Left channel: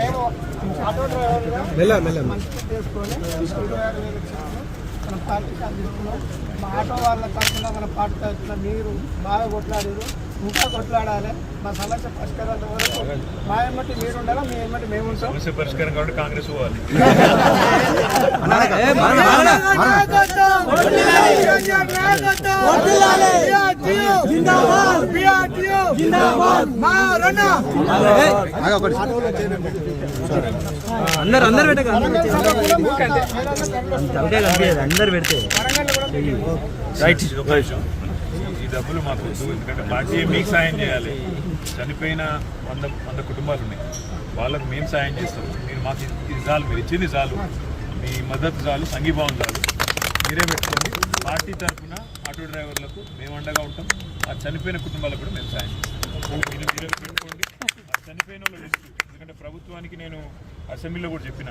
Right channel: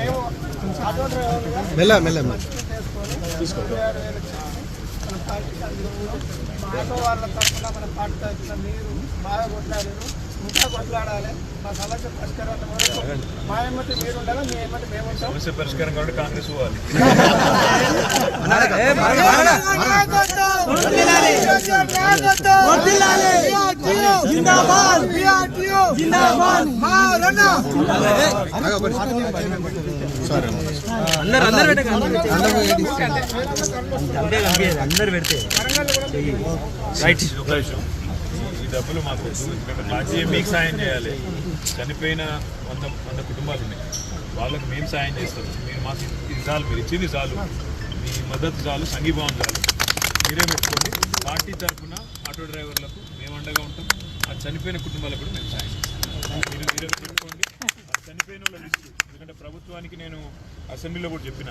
మేము ఆటో డ్రైవర్గా మంచిగా చేసుకొని 26,000 మన పార్టీకి అందిస్తున్నాం. మా ఆటో వాళ్ళ తరఫున మన పార్టీ తరఫున మీరు బాగా కొట్లాడారు, ఇంకా కొట్లాడాలి. మా సమస్య పరిష్కారాల వరకు మా ఏమంటే మీరు ఉండాలా, మీ ఏమంటే మేము ఉంటాం. సమస్య పరిష్కారం కాబట్టి కాంగ్రెస్ పోవాలి. ఈ డబ్బులు మాకు ఎందుకంటే పార్టీ మీకు సాయం చేయాలి. చనిపోయిన 100 కుటుంబాలు ఉన్నాయి, వాళ్ళకు మేము సాయం చేస్తాం. మీరు మాకు ఇది చాలు, మీరు ఇచ్చింది చాలు, మీ మద్దతు చాలు, సంఘీభావం చాలు. మీరే పెట్టుకోండి. పార్టీ తరఫున ఆటో డ్రైవర్లకు మేము అండగా ఉంటాం. ఆ చనిపోయిన కుటుంబాలకు కూడా మేము సాయం చేస్తాం. మీరే పెట్టుకోండి. ఆ చనిపోయిన వాళ్ళ లిస్టు, ఎందుకంటే ప్రభుత్వానికి నేను అసెంబ్లీలో కూడా చెప్పిన,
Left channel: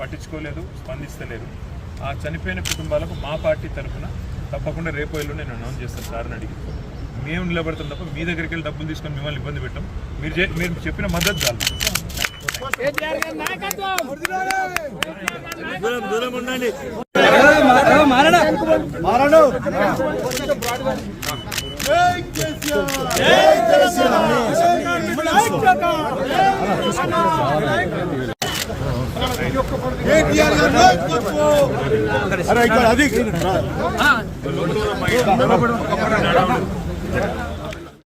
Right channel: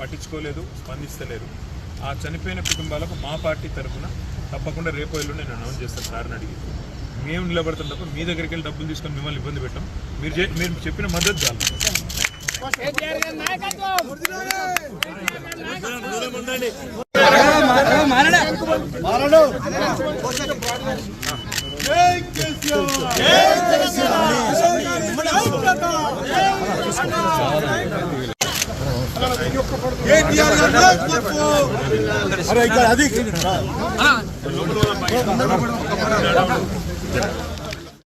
పట్టించుకోలేదు, స్పందిస్తలేదు. ఆ చనిపోయిన కుటుంబాలకు మా పార్టీ తరఫున తప్పకుండా రేపు ఎల్లుండి నేను అనౌన్స్ చేస్తాను. సార్ని అడిగి మేము నిలబడతాం తప్ప మీ దగ్గరికి వెళ్ళి డబ్బులు తీసుకొని మిమ్మల్ని ఇబ్బంది పెట్టాం. మీరు చెప్పిన మద్దతు చాలు. అరే ఇక్కడ అది